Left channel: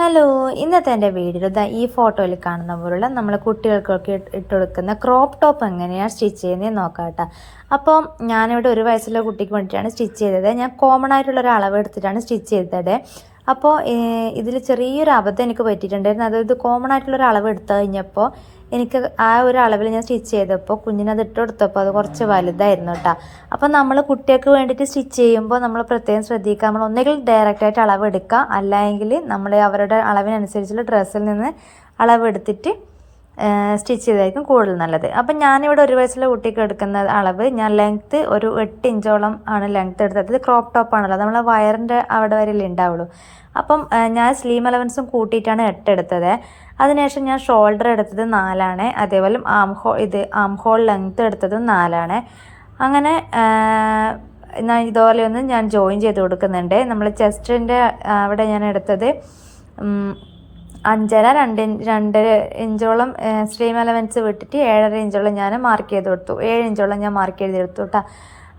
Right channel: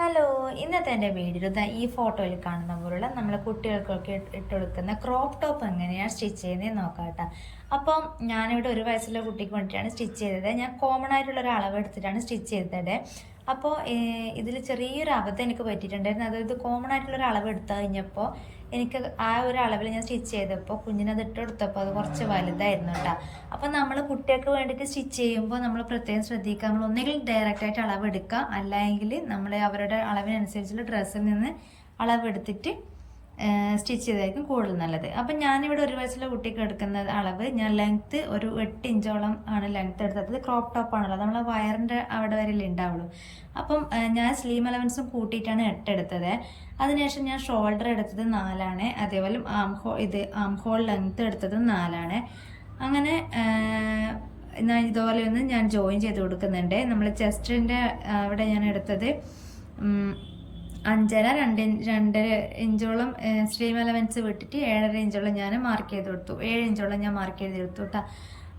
Hello, ഇന്നത്തെ എൻ്റെ video ഈ ഫോട്ടോയിൽ കാണുന്ന പോലുള്ള നമ്മൾ കുട്ടികൾക്കൊക്കെ ഇട്ട് കൊടുക്കുന്ന ക്രോപ്പ് ടോപ്പ് എങ്ങനെയാണ് സ്റ്റിച്ച് ചെയ്യുന്നത് നോക്കാം കേട്ടോ. അപ്പോൾ ഞാനിവിടെ ഒരു വയസ്സുള്ള കുട്ടിക്ക് വേണ്ടിയിട്ടാണ് സ്റ്റിച്ച് ചെയ്തത്. ഞാൻ കോമൺ ആയിട്ടുള്ളൊരു അളവ് എടുത്തിട്ടാണ് സ്റ്റിച്ച് ചെയ്തത്. അപ്പോൾ ഇതിൽ ചെറിയൊരു അബദ്ധം എനിക്ക് പറ്റിയിട്ടുണ്ടായിരുന്നു. അതായത് കോമൺ ആയിട്ടുള്ളൊരു അളവ് എടുത്തു കഴിഞ്ഞപ്പോൾ എനിക്ക് ആ ഒരു അളവിൽ ഞാൻ സ്റ്റിച്ച് ചെയ്തപ്പോൾ കുഞ്ഞിനത് ഇട്ട് കൊടുത്തപ്പോൾ അത് കുറച്ച് വലുതായിരുന്നു കേട്ടോ. അപ്പോൾ നമ്മൾ കുട്ടികൾക്ക് വേണ്ടിയിട്ട് സ്റ്റിച്ച് ചെയ്യുമ്പോൾ നമ്മൾ പ്രത്യേകം ശ്രദ്ധിക്കുക. നമ്മൾ ഒന്നുകിൽ ഡയറക്റ്റായിട്ട് അളവ് എടുക്കുക, അല്ലെങ്കിൽ നമ്മൾ അവരുടെ അളവിനനുസരിച്ചുള്ള ഡ്രസ്സിൽ നിന്ന് അളവ് എടുത്തിട്ട് സ്റ്റിച്ച് ചെയ്തായിരിക്കും കൂടുതൽ നല്ലത്. അപ്പം ഞാനിവിടെ ഒരു വയസ്സുള്ള കുട്ടിക്ക് എടുക്കുന്ന അളവ് ഞാൻ ലെങ്ത്ത് ഒരു 8 ഇഞ്ചോളം ആണ് ലെങ്ത്ത് എടുത്തത്. ഇത് ക്രോപ്പ് ടോപ്പാണല്ലോ, നമ്മൾ വയറിൻ്റെ അവിടെ വരെയല്ലേ ഉണ്ടാവുള്ളൂ. അപ്പം ഞാൻ സ്ലീം അലവൻസും കൂട്ടിയിട്ടാണ് 8 എടുത്തത്. അതിനുശേഷം ഞാൻ ഷോൾഡർ എടുത്തത് 4 അതേപോലെ ആം ഹോൾ ലെങ്ത്ത് എടുത്തത് 4. അങ്ങനെ ഇതുപോലെയൊന്ന് ഞാൻ ജോയിൻ ചെയ്ത് കൊടുക്കുന്നുണ്ട്. നമ്മൾ ചെസ്റ്റിൻ്റെ അവിടെ ഞാൻ എടുത്തത് 5.5-2 ഇഞ്ചോളം സ്ലീം അലവൻസ് വിട്ടിട്ട് 7.5 ഇഞ്ചോളം ഞാൻ മാർക്ക് ചെയ്ത് കൊടുത്തു. 7 ഇഞ്ചോളം ഞാൻ മാർക്ക് ചെയ്ത് കൊടുത്തു കേട്ടോ.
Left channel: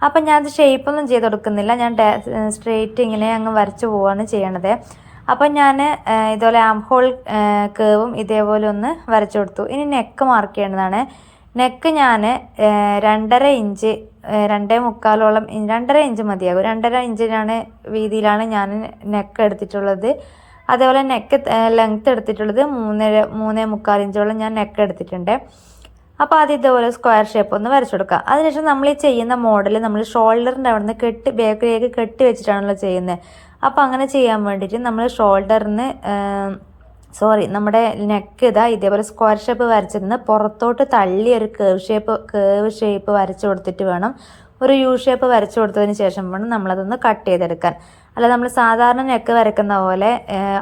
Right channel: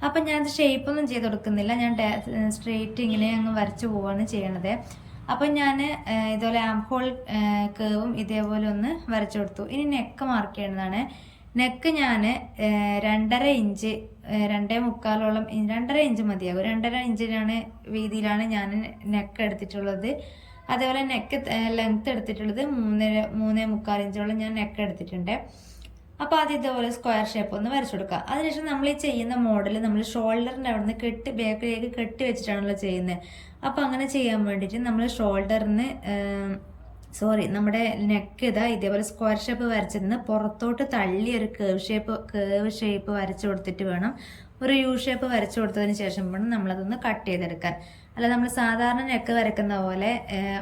അപ്പം ഞാനത് ഷേപ്പൊന്നും ചെയ്ത് കൊടുക്കുന്നില്ല, ഞാൻ സ്ട്രെയിറ്റ് ഇങ്ങനെ അങ്ങ് വരച്ച് പോവുകയാണ് ചെയ്യണത്. അപ്പം ഞാൻ ഇതുപോലെ ആം ഹോൾ കേവും ഇതേപോലെ ഒന്ന് വരച്ചു കൊടുത്തു. ഇനി നെക്ക് മാർക്ക് ചെയ്യേണ്ടതാണ്. നെക്ക് ഞാൻ 2.5 ഇഞ്ച് 2.25 2.5 ഇഞ്ച് മതിയാകും. 2.5 ഇഞ്ചിനാണ് വീതിയിലാണ് ഞാൻ നെക്ക് എടുത്തിട്ടുള്ളത്. അതേപോലെ നെക്ക് ലെങ്ത്ത് എടുത്തിട്ടുള്ളത് 3.25 ഇഞ്ചോളം ഞാൻ നെക്ക് എടുത്തിട്ടുണ്ട്. അപ്പോൾ അത് ഇതുപോലെ സ്ക്വയർ ഷേപ്പ് ഒന്ന് വരച്ചു കൊടുക്കുക. അതിനുശേഷം നമ്മൾ ഈ ചെയ്യുന്ന മോഡൽ നമ്മൾ ഷോൾഡറിൻ്റെ അവിടെ നിന്ന് ബാക്കിലേക്ക് കെട്ടി വെച്ചിട്ടാണല്ലോ ചെയ്യുന്നത്. അപ്പോൾ അങ്ങനെ ചെയ്യാൻ വേണ്ടിയിട്ട് നമ്മൾ നമ്മുടെ നെക്ക് ഇതേപോലെ സ്ക്വയർ ഷേപ്പ് വരച്ചിരുന്ന് പുറത്തോട്ട് തള്ളി ഒരു കേവ് ഷേപ്പ് വരച്ചു കൊടുത്തിട്ട് വേണം, ഒരു യു ഷേപ്പ് വരച്ചു കൊടുത്തതിന് ശേഷം വേണം നമ്മളതൊന്ന് കട്ട് ചെയ്തെടുക്കാൻ. അല്ല, നമ്മൾ സാധാരണ നെക്ക് വരയ്ക്കുന്ന പോലെ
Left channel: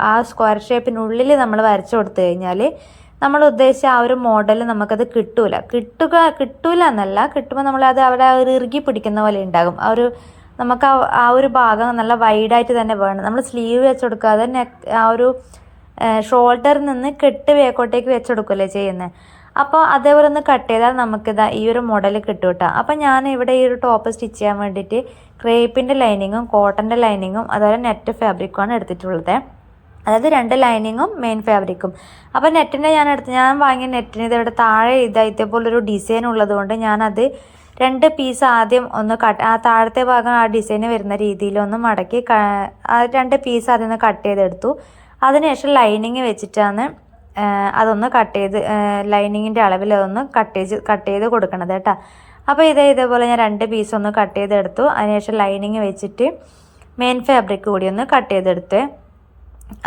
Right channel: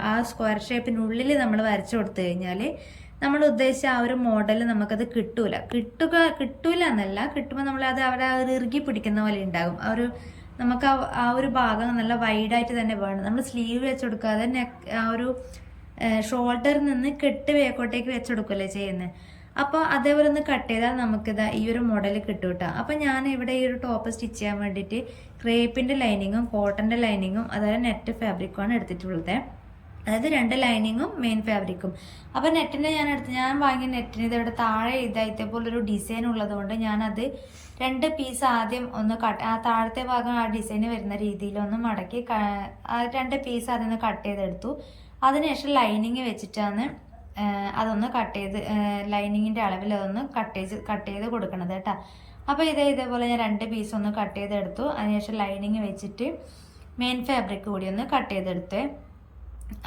ആ സ്ക്വയർ ഷേപ്പിനുള്ളിൽ നമ്മൾ വരച്ചു കൊടുത്തു കഴിഞ്ഞാൽ നമ്മൾ ഉദ്ദേശിച്ച ആ ഒരു മോഡൽ നമുക്കത് കിട്ടൂല എന്നല്ല, കിട്ടുമ്പോൾ നമ്മളത് അവിടെ ഒരു ഇറുകി പിടിക്കുന്ന പോലെ ഉണ്ടാകും. നമുക്ക് ആ ഒരു ഭാഗം നല്ല വൈഡായിട്ട് തന്നെ വേണം. നമ്മൾ സ്ലീവ് വെച്ച് കൊടുക്കാതെ ആ ഒരു ഷോൾഡറിൽ നിന്ന് കെട്ട് വേക്കോട്ടേക്ക് വെച്ച് കൊടുക്കുകയല്ലേ ചെയ്യുന്നത്. അപ്പോൾ അതേപോലെ ഒന്ന് കട്ട് ചെയ്താൽ നമുക്കിതാ ഈ ഒരു മോഡൽ കിട്ടും കേട്ടോ. അപ്പം ഞാൻ ഇവിടെ ഈ ഒരു ടോപ്പ് സ്റ്റിച്ച് ചെയ്യാൻ വേണ്ടിയിട്ട് ക്രേപ്പിൻ്റെ ലൈനിങ്ങും കോട്ടൻ്റെ ലൈനിങ്ങും അതുപോലെ നെറ്റ് ഫാബ്രിക്കുമാണ് എടുത്തിട്ടുള്ളത്. അതായത് 2 ലൈനിങ്ങും മെയിൻ ഫാബ്രിക്കും. അപ്പോൾ നെറ്റിൻ്റെ ഞാൻ വാങ്ങിയ നെറ്റിന് ഇതവിടെ താഴെ ഇതേപോലൊരു ഡിസൈൻ ഉള്ളത് കൊണ്ട് ഞാനത് 2 പീസ് ആദ്യം ഒന്ന് ആ താഴത്തെ ഭാഗം ആ ഡിസൈന് വരുന്ന രീതിയിൽ ഒന്ന് മടക്കി 2 പീസ് ആദ്യം ഒന്ന് കട്ട് ചെയ്തെടുത്തു. അതിനുശേഷം ലൈനിങ് വെച്ചിട്ടാണ് അതൊന്ന് ലൈനിങ്ങിൻ്റെ അളവിൽ അതൊന്ന് കട്ട് ചെയ്ത് കൊടുക്കണത് കേട്ടോ. അപ്പോൾ ഇതേപോലെ ഞാൻ 2 പീസ് ഒന്ന് കട്ട് ചെയ്തെടുത്തു. അതിനുശേഷം ലൈനിങ് വെച്ചിട്ട് മെയിൻ ഫാബ്രിക് കൂടി ഒന്ന് കട്ട് ചെയ്തെടുത്ത്.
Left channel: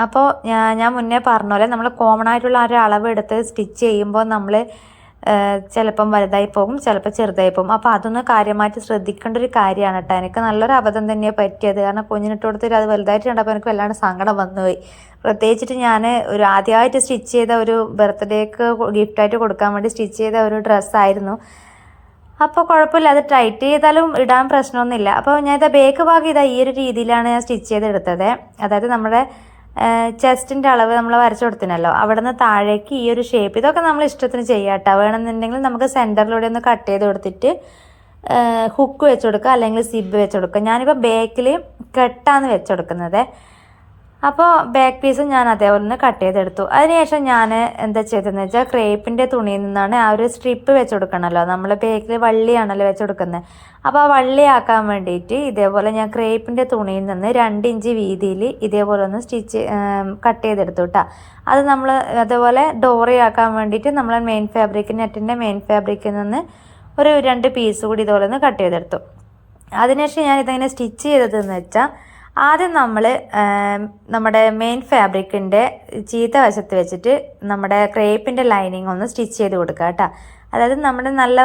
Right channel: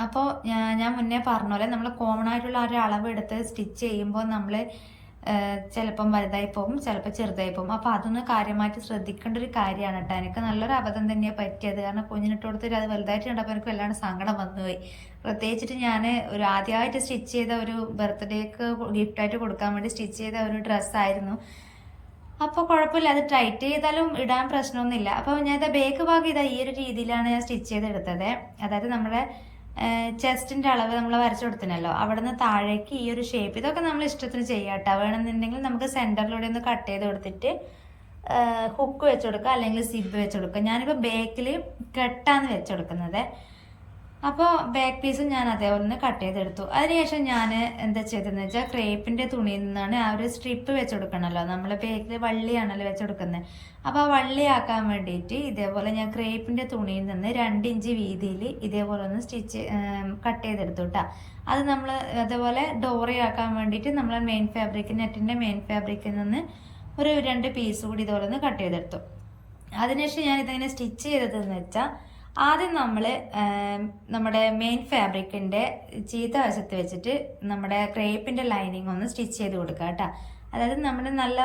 അപ്പോൾ ഞാൻ മുന്നേ പറഞ്ഞ പോലെ നമ്മൾ കോമൺ ആയിട്ടുള്ള ഒരു അളവ് എടുത്ത് സ്റ്റിച്ച് ചെയ്യുമ്പോൾ നമ്മൾ ചിലപ്പം വലുതായി പോകും, ചിലപ്പോൾ ചെറുതായി പോകും. അപ്പോൾ അതൊന്ന് കാര്യമായിട്ട് ശ്രദ്ധിക്കേണ്ട ഒരു കാര്യമാണ് കേട്ടോ. എനിക്ക് നല്ലൊരു അബദ്ധം തന്നെയാണ് പറ്റിയത്. കാരണം കുഞ്ഞിനിട്ട് കൊടുത്തിട്ട് അത് വലുതായിട്ടുണ്ടപ്പോൾ എനിക്ക് വല്ലാണ്ട് സങ്കടം വന്നുപോയി. പ്രത്യേകിച്ചിട്ട് ഞാൻ ഒരു ആദ്യമായിട്ട് സ്റ്റിച്ച് ചെയ്ത ഒരു ബർത്ത്ഡേക്ക് ഗിഫ്റ്റായിട്ട് കൊടുക്കാൻ വേണ്ടി സ്റ്റിച്ച് ചെയ്ത ഒരു ഡ്രസ്സായിരുന്നു. അപ്പോൾ കുഴപ്പമില്ല, അത് ടൈറ്റ് ചെയ്താലും ഇടാൻ പ്രശ്നമൊന്നുമില്ല. അപ്പോൾ ഞാൻ ബേക്ക് ഭാഗം ഈ ഒരു രീതിയിലാണ് ഞാൻ സ്റ്റിച്ച് ചെയ്തെടുത്തത്. അതായത് നമ്മുടെ ചെസ്റ്റിൻ്റെ അളവ് നമ്മൾ വരച്ചു കൊടുത്തിനല്ലോ, അവിടെ നിന്ന് താഴേക്ക് ഈ ഒരു ഷേപ്പ്. ഇതൊക്കെ നമ്മൾ ഇഷ്ടത്തിന് ചെയ്യാം കേട്ടോ. വേണമെന്നുണ്ടെങ്കിൽ നമുക്ക് സെൻറ്ററിലൂടെ ഒന്ന് കട്ട് ചെയ്ത് കൊടുത്തിട്ട് ഹുക്ക് വെച്ച് കൊടുക്കുക, അല്ലെങ്കിൽ സിബ് വെച്ച് കൊടുക്കുക. ഞാനിപ്പോൾ ബാക്കിൽ കെട്ടാണ് വെച്ച് കൊടുക്കുന്നത്. അപ്പോൾ ബാക്ക് പീസും ഞാൻ അതേപോലെ ഒന്ന് കട്ട് ചെയ്തെടുത്തു. അതിനുശേഷം ഞാൻ എന്താ ചെയ്തതെന്ന് വെച്ചാൽ ക്രേപ്പിൻ്റെ തുണിയിൽ നിന്നാണ് ആ ഒരു സ്ട്രിപ്പ് വെച്ച് കൊടുക്കണമല്ലോ, നമ്മൾ ബാക്കിൽ വള്ളിയാണല്ലോ വെച്ച് കൊടുക്കുന്നത്. അപ്പോൾ ആ വള്ളിയാക്കാൻ വേണ്ടിയിട്ട് ഇതേപോലെ ഞാൻ ക്രേപ്പിൻ്റെ തുണിയിൽ നിന്ന് 2 ഇഞ്ച് വീതിയിൽ ഇതേപോലെ ഒന്ന് കട്ട് ചെയ്തെടുത്തു കേട്ടോ. അത് നമ്മൾ അതേപോലെ ഡോറിയാക്കാൻ വേണ്ടിയിട്ട് നമ്മൾ നെറ്റിൻ്റെ മെയിൻ ഫാബ്രിക്കിൽ നിന്ന് ഒരു 2 പീസ് കൂടി ഇതുപോലെ ഒന്ന് കട്ട് ചെയ്തെടുത്തു. അതിനുശേഷം ഞാൻ ഇതെങ്ങനെ സ്റ്റിച്ച് ചെയ്തതെന്ന് വെച്ചാൽ ആദ്യം നമ്മൾ നമ്മുടെ മെയിൻ ഫാബ്രിക്കിൻ്റെ ചീത്ത വശത്ത് വെച്ചിട്ട് നമ്മുടെ ക്രേപ്പിൻ്റെ ലൈനിങ് ഒന്ന് സ്റ്റിച്ച് ചെയ്ത് കൊടുക്കുക കേട്ടോ. അതായത് നമ്മുടെ നല്ല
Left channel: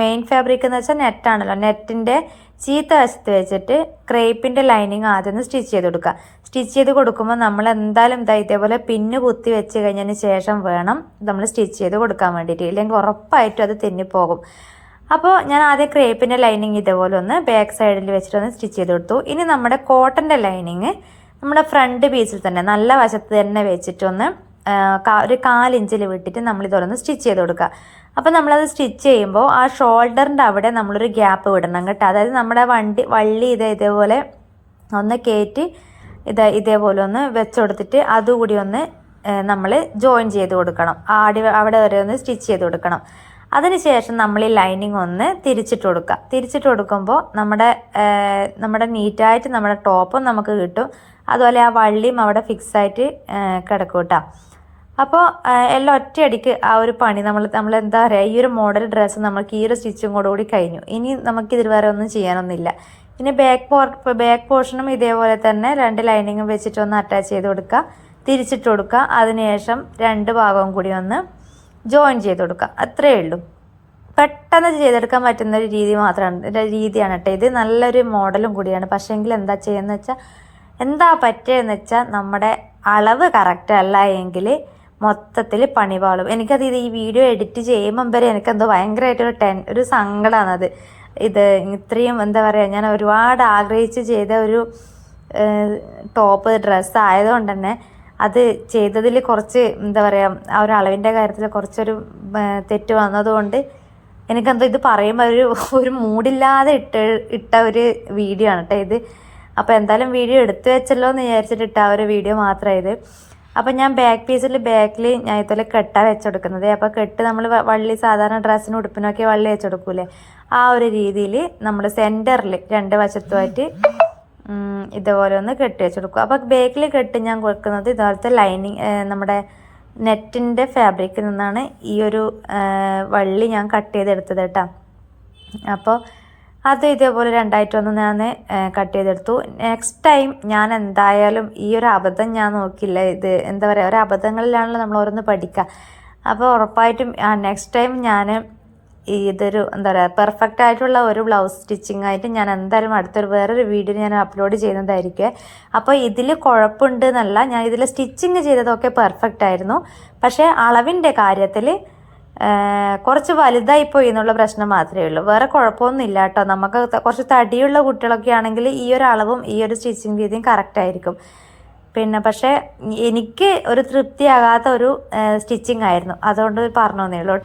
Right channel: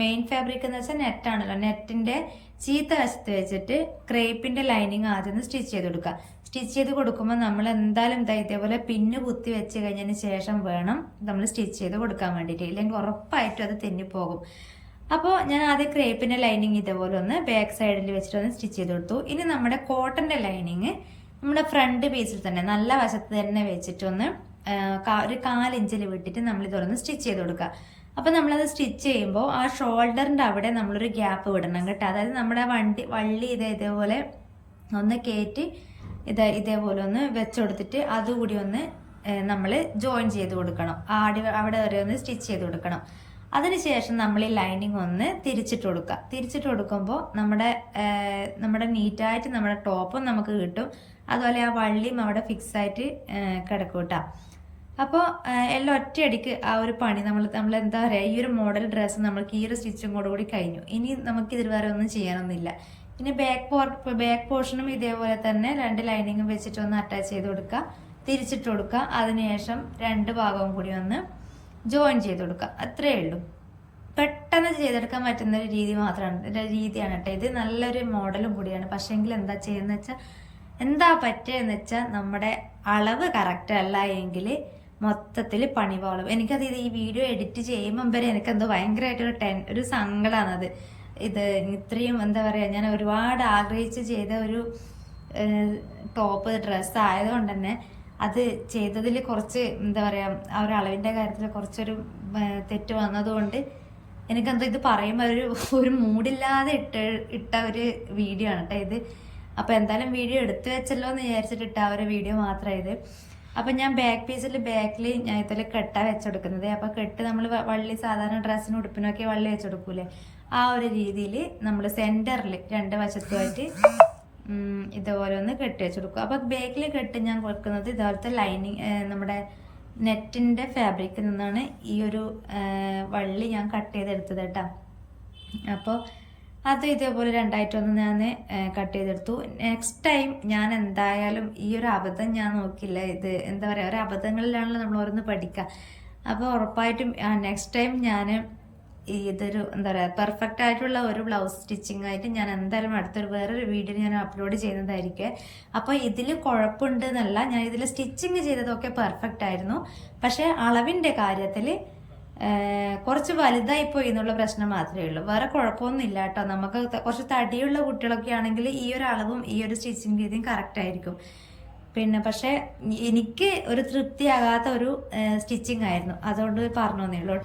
മെയിൻ ഫാബ്രിക് എന്ന് വെച്ചാൽ നെറ്റാണല്ലോ, നെറ്റിൻ്റെ ചീത്ത വശത്ത് വെച്ചിട്ട് ക്രേപ്പിൻ്റെ ലൈനിങ് ആദ്യം ഒന്ന് സ്റ്റിച്ച് ചെയ്ത് കൊടുക്കുക. സ്റ്റിച്ച് ചെയ്ത് കൊടുക്കുമ്പോൾ നമ്മൾ എന്തായാലും ഇതേപോലെ പിന്ന് കുത്തി വെച്ച് കഴിഞ്ഞതിന് ശേഷം വേണം നമ്മൾ സ്റ്റിച്ച് ചെയ്ത് കൊടുക്കാൻ വേണ്ടിയിട്ട്, ഇല്ലെങ്കിൽ ഉറപ്പായിട്ടും അത് തെന്നിപ്പോകും. അപ്പോൾ ഞാൻ ആദ്യം ക്രേപ്പിൻ്റെ ലൈനിങ് ഇതേപോലെ ഒന്ന് ബാക്ക് സൈഡിൽ വെച്ചിട്ടൊന്ന് സ്റ്റിച്ച് ചെയ്ത് കൊടുത്തു. ഇനി നമ്മുടെ കോട്ടൻ്റെ ലൈനിങ് നമ്മുടെ ഫ്രണ്ട് പീസിൽ തന്നെ നല്ല വശത്ത് തന്നെ വെച്ചിട്ടൊന്ന് ഒരു 4 ഇഞ്ചിൽ വിട്ടിട്ട് നമ്മളിതുപോലെ ഒന്ന് സ്റ്റിച്ച് ചെയ്ത് കൊടുക്കുക. അപ്പോൾ നമ്മളത് സ്റ്റിച്ച് ചെയ്യുമ്പോൾ ആ ഷോൾഡറിൻ്റെ അവിടെ നമ്മളൊരു ഗ്യാപ്പ് വിടണം കേട്ടോ. അതായത് നമ്മുടെ വള്ളി ഇതേപോലെ ഒന്ന് കയറ്റി ഇതേപോലെ ഒന്ന് വെച്ചുകൊടുത്തിട്ട് അതുകൂടി ഒന്ന് നമ്മൾ ജോയിൻ ചെയ്ത് കൊടുക്കണം. അവിടെ വരെ ഒന്ന് സ്റ്റിച്ച് ചെയ്ത് കൊടുക്കണം. അതിനുശേഷം നമ്മൾ ഈ ലൈനിങ് ഒന്ന് തിരിച്ചിട്ട് കൊടുക്കുക. തിരിച്ചിട്ട് കൊടുക്കുമ്പോൾ നമ്മുടെ നീറ്റായിട്ട് നമ്മുടെ ടോപ്പും നമുക്ക് കിട്ടും. അതുപോലെ ആ വള്ളിയും അവിടെ ഫിക്സായിട്ട് കിടക്കും കേട്ടോ. അപ്പോൾ എല്ലാം ഒറ്റയടിക്ക് ആ ഒരു പണി നമ്മൾ എന്താ പറയുക, ഈ ഒരു മോഡൽ ഡ്രസ്സ് നമുക്ക് ഈ ഒരു സ്റ്റിച്ചും കൂടി കഴിഞ്ഞു. ഇനി നമുക്കിതിൽ വേറെ ഒന്നും ചെയ്യാനൊന്നുമില്ല. ഇനി ബാക്ക് പോർഷനും ഇതേപോലെ തന്നെ 2 ലൈനിങ്ങും വെച്ചിട്ട് ഒന്ന് അറ്റാച്ച് ചെയ്ത് കൊടുക്കുക, തിരിച്ചിട്ട് കൊടുക്കുക. അതിനുശേഷം 2 ഭാഗവും കൂടി ഒന്ന് ജോയിൻ ചെയ്ത് കൊടുക്കുക. അത്രയേ ഉള്ളൂ. പെട്ടെന്ന് ചെയ്തെടുക്കാൻ പറ്റുന്ന ഒരു രീതിയാണ് കേട്ടോ ഇത്. നല്ലൊരു മോഡലും കൂടിയാണ്. പക്ഷേങ്കിൽ എന്താ ചെയ്യുന്നത് വെച്ചാൽ, എന്താ പറ്റുകയെന്ന് വെച്ചാൽ, നമ്മുടെ അളവ് കറക്റ്റ് അല്ല എങ്കിൽ മൊത്തത്തിൽ പണിപാളും. എനിക്കത് ഈ വീഡിയോ എഡിറ്റ് ചെയ്യുമ്പം വരെ എനിക്കെന്തോ ഭയങ്കരമായിട്ട് ഒരു സങ്കടമാണത്. ഇത് ഇത്രയും എന്താ പറയുക, ഞാൻ ഒരുപാട് ആഗ്രഹിച്ച് ചെയ്ത ഒരു ടോപ്പ് ഡ്രസ്സ് ആയതുകൊണ്ട് തന്നെ അത് ചെയ്തതിൽ കുറച്ച് എന്താ പറയുക, ആ ഒരു അളവിൻ്റെ കാര്യത്തിൽ കുറച്ചൊരു തെറ്റ് വന്നതുകൊണ്ട് എനിക്കെന്തോ ഇത് പറയുമ്പോൾ ഒരു മൂഡില്ലാതെ ഇട്ട ഒരു വീഡിയോ ആണ് കേട്ടോ ഇത്. അപ്പോൾ എന്തായാലും വീഡിയോ എടുത്തു വെച്ചല്ലോ എന്ന് വിചാരിച്ചിട്ട് ഇട്ട ആ ഒരു വീഡിയോ മാത്രമാണ് ഇത്. അപ്പോൾ ഞാൻ ബാക്കിൽ ഞാൻ ഇതുപോലെ കെട്ടാണ് വെച്ചെടുക്കുന്നത്. അപ്പോൾ കെട്ട് നമ്മൾ വള്ളി സാധാരണ ഡ്രസ്സിനും ഉടുപ്പിനൊക്കെ വള്ളി വെച്ചെടുക്കൂലേ, ആ ഒരു രീതിയിൽ നമ്മൾ സെൻറ്ററിൽ 2 വശത്തുമായിട്ട് ഇതുപോലെ ഒന്ന് കെട്ടി വെച്ചെടുക്കും. അപ്പോൾ ബാക്കിൽ കെട്ട് ഞാൻ കൊടുക്കുന്നത് ഇതുപോലത്തെ ലൈനിങ്, നമ്മുടെ നെറ്റിൻ്റെ ഫാബ്രിക്കിൽ നിന്നാണ് ഈ ഒരു വള്ളി ഞാൻ കട്ട് ചെയ്തെടുത്തത് കേട്ടോ. അപ്പോൾ അത് ഇതേപോലെ 2ആയിട്ടൊന്ന് ഞാൻ കട്ട് ചെയ്തെടുത്തു. നെക്സ്റ്റ് ടൈം ഞാൻ എന്തായാലും ഈ ഒരു അബദ്ധം ഞാൻ നോക്കില്ല. ഇത് എന്താ പറയുക, ഒരു അബദ്ധങ്ങളിലാണല്ലോ നമ്മൾ ഓരോന്ന് പഠിക്കുക. അപ്പോൾ ഉറപ്പായിട്ടും നെക്സ്റ്റ് ടൈം ഞാൻ ഇതൊരു എന്താ പറയുക, പെർഫെക്റ്റ് ആയിട്ടുള്ള ഒരു ബ്ലൗസ് സ്റ്റിച്ചിങ് ആയിട്ട് ഞാൻ എന്തായാലും വേറൊരു വീഡിയോ ഞാൻ അപ്ലോഡ് ചെയ്യുന്നതായിരിക്കും. അപ്പോൾ ഇതിൽ കുഴപ്പമുണ്ട് എന്നല്ല, ഞാൻ ഇതിൽ സ്റ്റിച്ചിങ് ചെയ്തതൊക്കെ പെർഫെക്റ്റ് ആയിരുന്നു. പക്ഷേ അളവിൻ്റെ കാര്യത്തിൽ കുറച്ച് വലുതായിപ്പോയി എന്നുള്ള പ്രശ്നം മാത്രമേ ഉള്ളൂ. വേറെ കുഴപ്പമൊന്നും ഇല്ല കേട്ടോ. നമുക്ക് കുറച്ച് തടിയുള്ള കുട്ടികളൊക്കെ ആണെങ്കിൽ ഈ ഒരു അളവും ഈ ഒരു സ്റ്റിച്ചിങ് രീതിയും കറക്റ്റ് ആയിരിക്കും. പക്ഷേ എനിക്ക് ഒരു തൃപ്തിയാകാത്ത ഒരു സ്റ്റിച്ചിങ് ആയിരുന്നു, അതുകൊണ്ട് പറഞ്ഞു തന്നേ ഉള്ളൂ.